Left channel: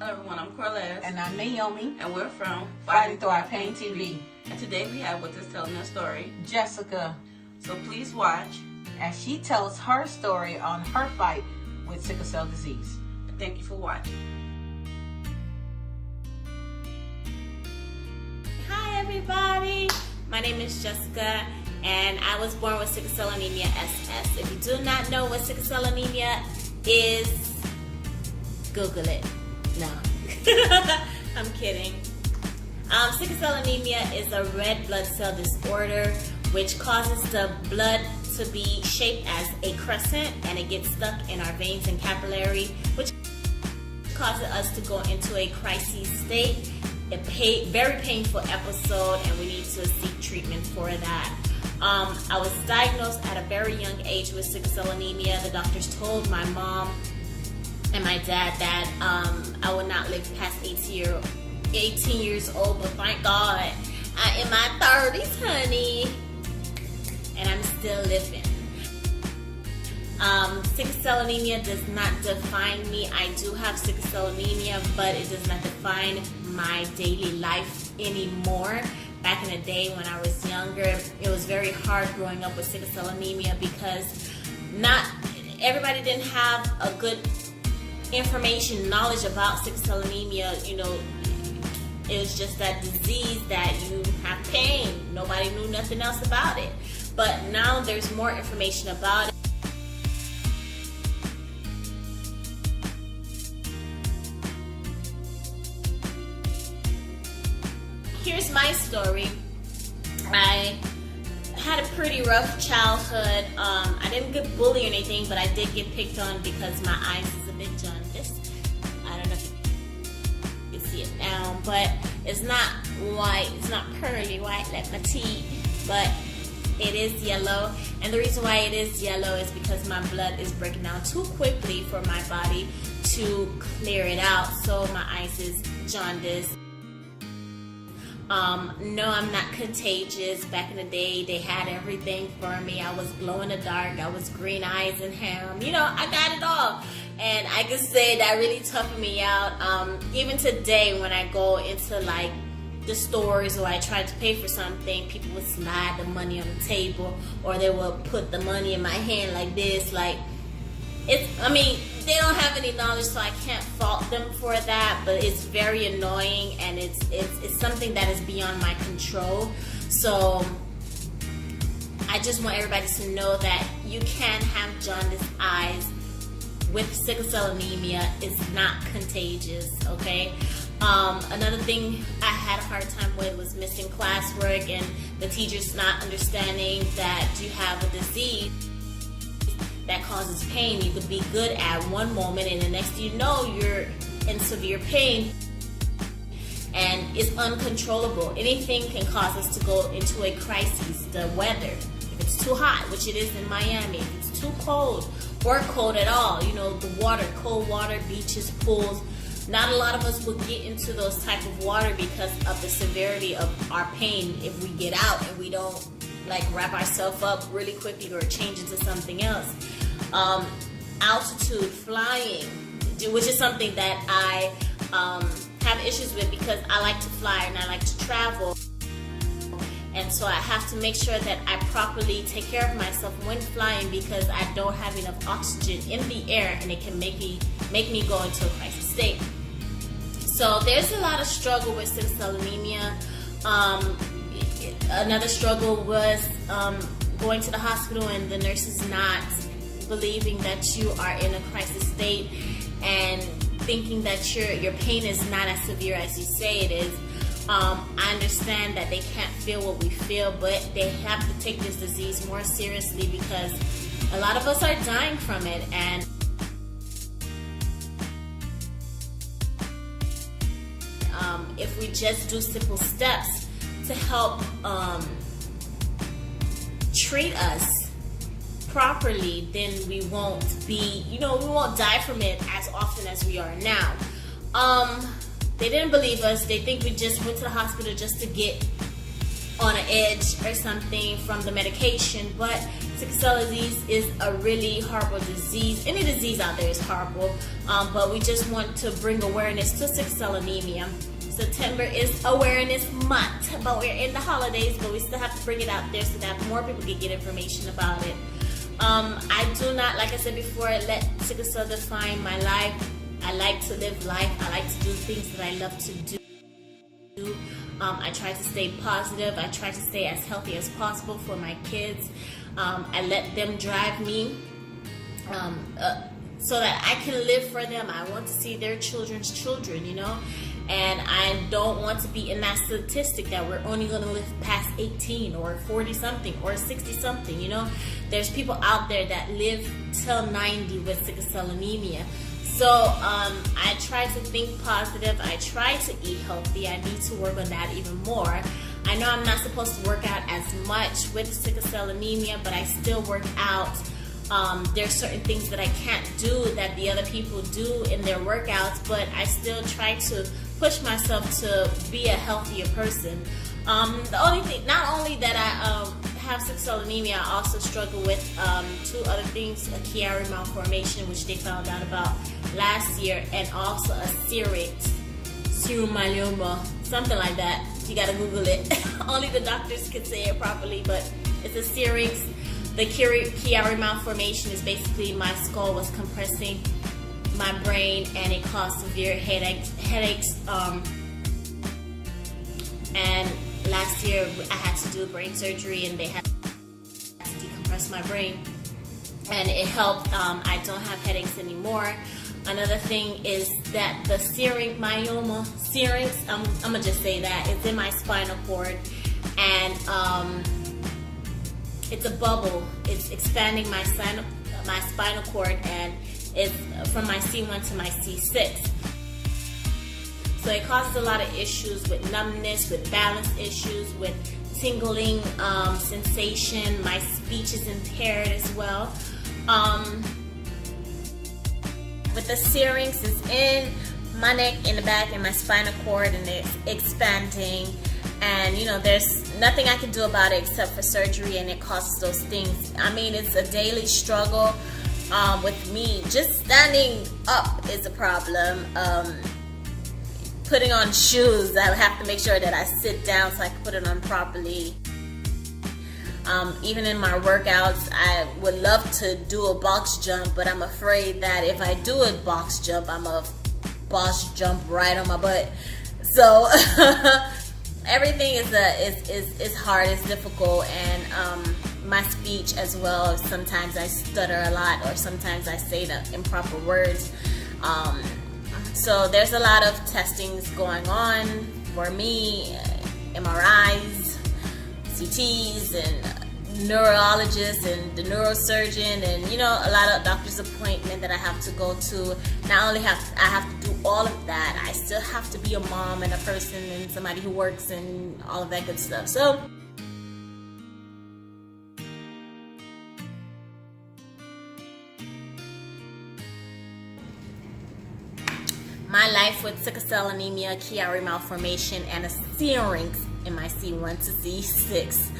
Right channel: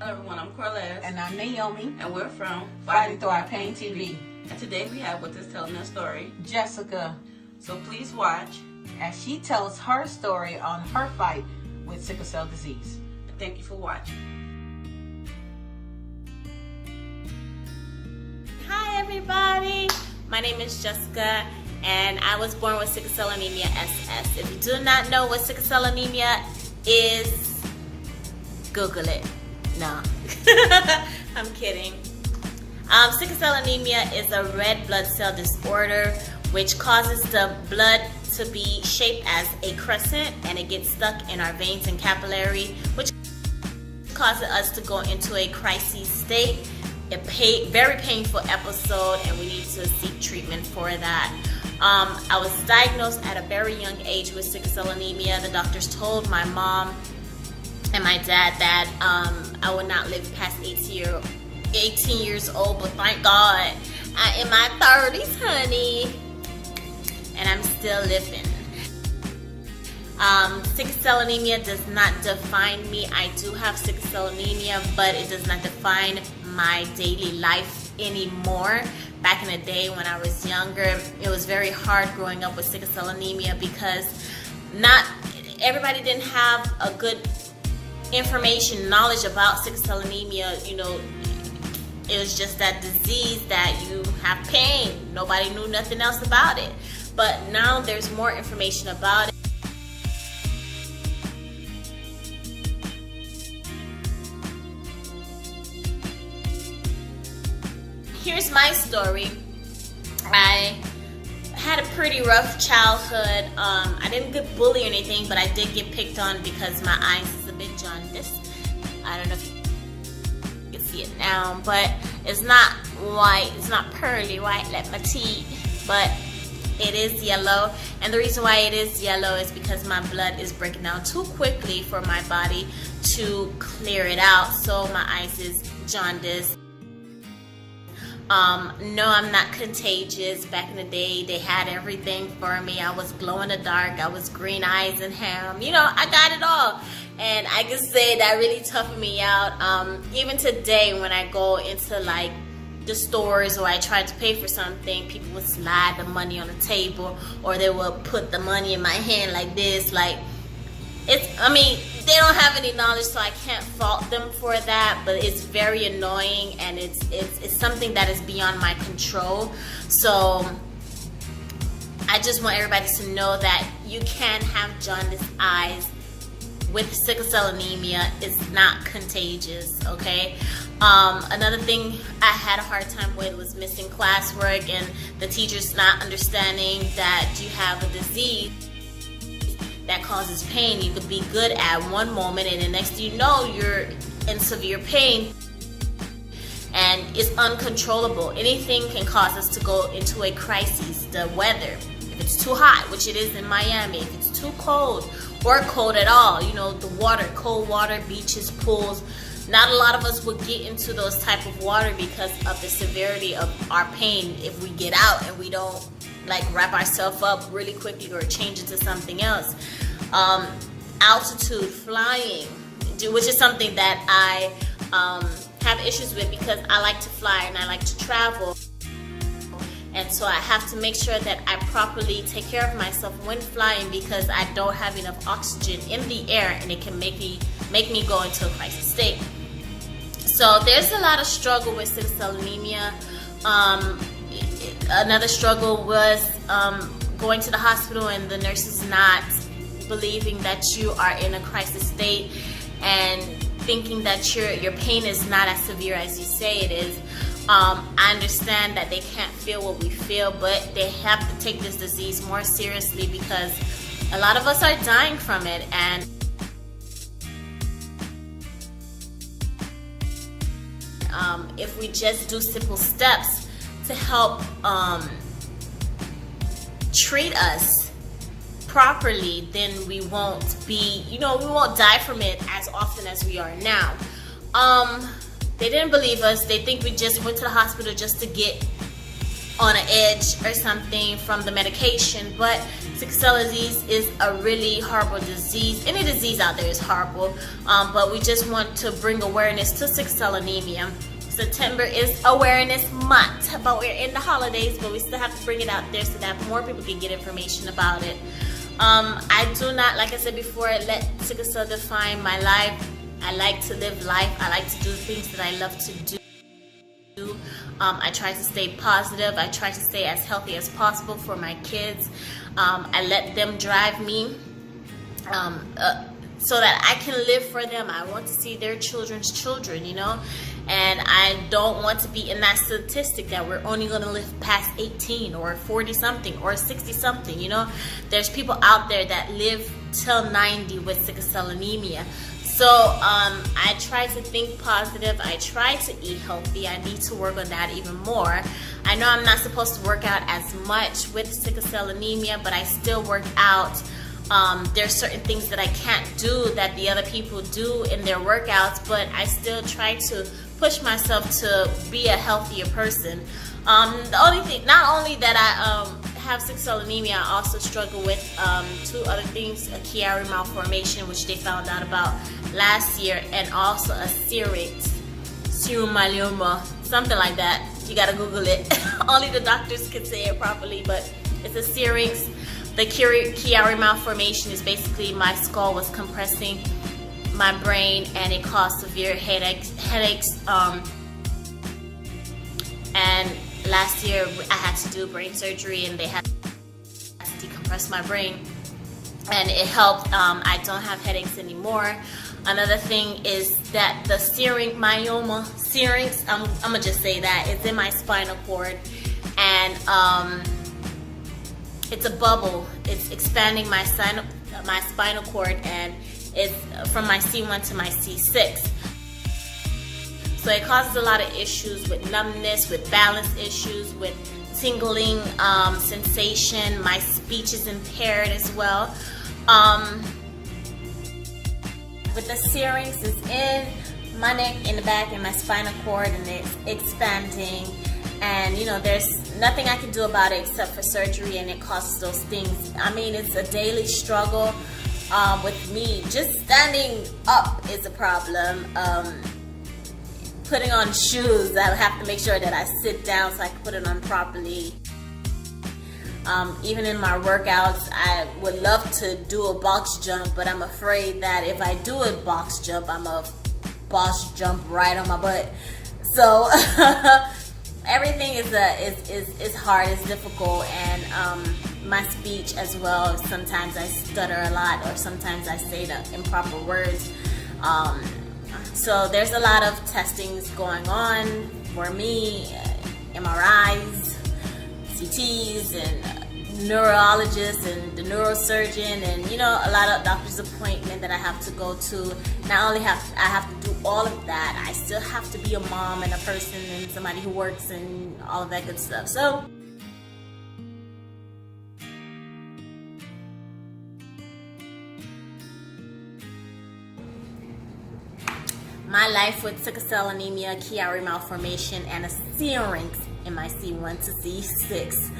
Hello everyone, I'm Corlez. And I'm Naomi. And we're from Fighting Through Our Pain TV. And today we have with us telling their story, Jessica. So please watch as she tells her story on her fight with sickle cell disease. Thank you for watching. Hi everybody, my name is Jessica and I was born with sickle cell anemia SS. If you do not know what sickle cell anemia is, Google it. No, I'm kidding. Sickle cell anemia is a red blood cell disorder which causes the blood to be shaped as a crescent and it gets stuck in our veins and capillary, which causes us to go into a crisis state, a very painful episode, and we need to seek treatment for that. I was diagnosed at a very young age with sickle cell anemia. The doctors told my mom and my dad that I would not live past 18 years old, but thank God I'm in my 30s, honey, and I'm still living. Sickle cell anemia does not define me. I do have sickle cell anemia, but it does not define my daily life anymore. Back in the day when I was younger, it was very hard growing up with sickle cell anemia because not everybody didn't have a good knowledge about sickle cell anemia. You know, it was just that disease that you have pain. Nobody knew nothing else about it. But now there's more information about it. Here's my story. I had a pretty rough childhood. I didn't get bullied or anything, but I did get picked on because my eyes is a bit jaundiced. I don't know if you can see it now, but it's not white. It's not pearly white like my teeth, but it is yellow. And the reason why it is yellow is because my blood is breaking down too quickly for my body to clear it out. So my eyes is jaundiced. No, I'm not contagious. Back in the day, they had everything for me. I was glow in the dark. I was green eyes and ham. You know, I got it all. And I can say that really toughened me out. Even today, when I go into like the stores or I try to pay for something, people would slide the money on the table, or they would put the money in my hand like this. Like, I mean, they don't have any knowledge, so I can't fault them for that, but it's very annoying, and it's something that is beyond my control. So I just want everybody to know that you can have jaundiced eyes with sickle cell anemia. It's not contagious, okay? Another thing I had a hard time with was missing classwork and the teachers not understanding that you have a disease that causes pain. You could be good at one moment and the next you know you're in severe pain and it's uncontrollable. Anything can cause us to go into a crisis. The weather, if it's too hot, which it is in Miami, if it's too cold or cold at all, you know, the water, cold water, beaches, pools, not a lot of us would get into those type of water because of the severity of our pain if we get out and we don't like wrap ourselves up really quickly or change into something else. Altitude, flying, which is something that I have issues with because I like to fly and I like to travel, and so I have to make sure that I properly take care of myself when flying because I don't have enough oxygen in the air and it can make me go into a crisis state. So there's a lot of struggle with sickle cell anemia. Another struggle was going to the hospital and the nurses not believing that you are in a crisis state and thinking that your pain is not as severe as you say it is. I understand that they can't feel what we feel, but they have to take this disease more seriously because a lot of us are dying from it. And if we just do simple steps to help treat us properly, then we won't be, we won't die from it as often as we are now. They didn't believe us. They think we just went to the hospital just to get on an edge or something from the medication, but sickle cell disease is a really horrible disease. Any disease out there is horrible, but we just want to bring awareness to sickle cell anemia. September is awareness month, but we're in the holidays, but we still have to bring it out there so that more people can get information about it. I do not, like I said before, let sickle cell define my life. I like to live life. I like to do things that I love to do. I try to stay positive. I try to stay as healthy as possible for my kids. I let them drive me so that I can live for them. I want to see their children's children, you know, and I don't want to be in that statistic that we're only going to live past 18 or 40 something or 60 something, you know. There's people out there that live till 90 with sickle cell anemia. So I try to think positive. I try to eat healthy. I need to work on that even more. I know I'm not supposed to work out as much with sickle cell anemia, but I still work out. There's certain things that I can't do that the other people do in their workouts, but I still try to push myself to be a healthier person. The only thing, not only that I have sickle cell anemia, I also struggle with two other things: a Chiari malformation, which they found out about last year, and also a Syrinx, serum myeloma, something like that. You gotta Google it. Only the doctors can say it properly, but it's a Syrinx. The Chiari malformation is basically my skull was compressing my brain, and it caused severe headaches. And last year I had to do brain surgery, and they had to decompress my brain, and it helped. I don't have headaches anymore. Another thing is that the Syrinx myeloma, I'm gonna just say that it's in my spinal cord, and it's a bubble. It's expanding my spinal cord, and it's from my C1 to my C6. So it causes a lot of issues with numbness, with balance issues, with tingling sensation. My speech is impaired as well. With the Syrinx, it's in my neck, in the back, in my spinal cord, and it's expanding. And you know, there's nothing I can do about it except for surgery, and it causes those things. I mean, it's a daily struggle with me. Just standing up is a problem. Putting on shoes, I have to make sure that I sit down so I can put it on properly. Even in my workouts, I would love to do a box jump, but I'm afraid that if I do a box jump, I'm a box jump right on my butt. So everything is hard, it's difficult, and my speech as well. Sometimes I stutter a lot, or sometimes I say the improper words. So there's a lot of testings going on for me, MRIs, CTs, and neurologists, and the neurosurgeon, and you know, a lot of doctor's appointment that I have to go to. Not only I have to do all of that, I still have to be a mom and a person and somebody who works and all of that good stuff. So my life with sickle cell anemia, Chiari malformation, and a Syrinx in my C1 to C6.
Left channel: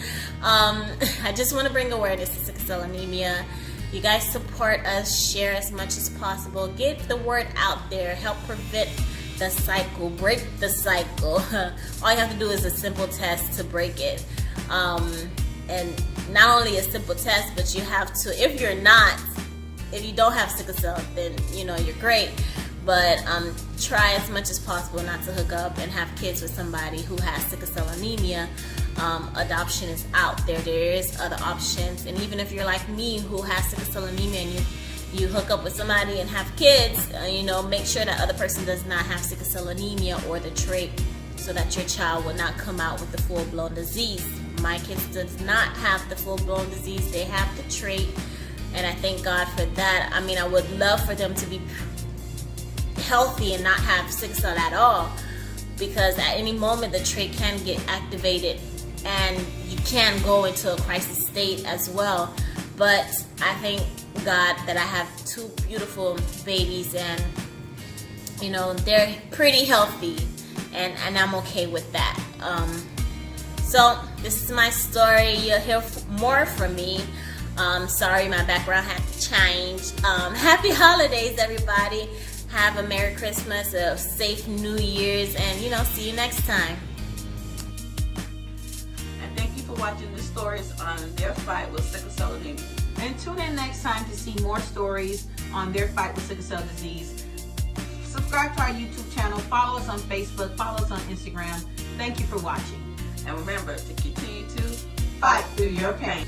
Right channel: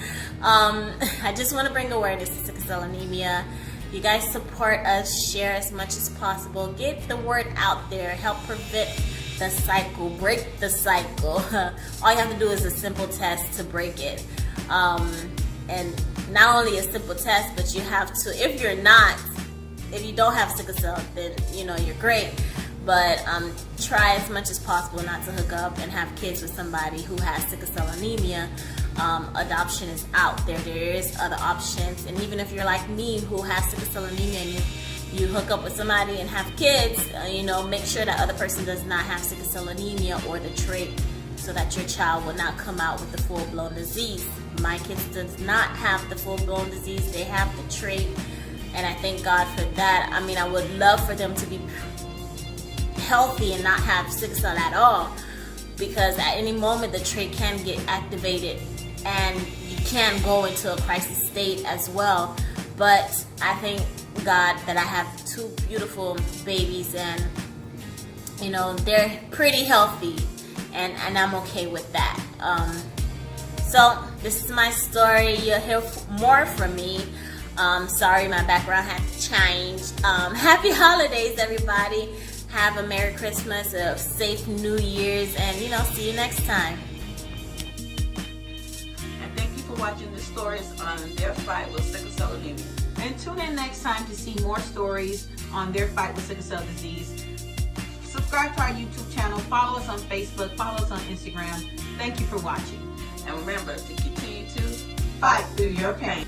I just want to bring awareness to sickle cell anemia. You guys support us, share as much as possible, get the word out there, help prevent the cycle, break the cycle. All you have to do is a simple test to break it. And not only a simple test, but you have to, if you don't have sickle cell, then you know, you're great. But try as much as possible not to hook up and have kids with somebody who has sickle cell anemia. Adoption is out there. There is other options. And even if you're like me, who has sickle cell anemia, and you hook up with somebody and have kids, you know, make sure that other person does not have sickle cell anemia or the trait, so that your child will not come out with the full-blown disease. My kids does not have the full-blown disease. They have the trait, and I thank God for that. I mean, I would love for them to be healthy and not have sickle cell at all, because at any moment the trait can get activated and you can go into a crisis state as well. But I thank God that I have two beautiful babies, and you know, they're pretty healthy, and I'm okay with that. So this is my story. You'll hear more from me. Sorry, my background had to change. Happy holidays, everybody. Have a Merry Christmas, a safe New Year's, and see you next time. And thank you for watching the stories on their fight with sickle cell anemia. And tune in next time to see more stories on their fight with sickle cell disease. Subscribe to our YouTube channel. Follow us on Facebook. Follow us on Instagram. Thank you for watching. And remember to continue to Fight through your pain.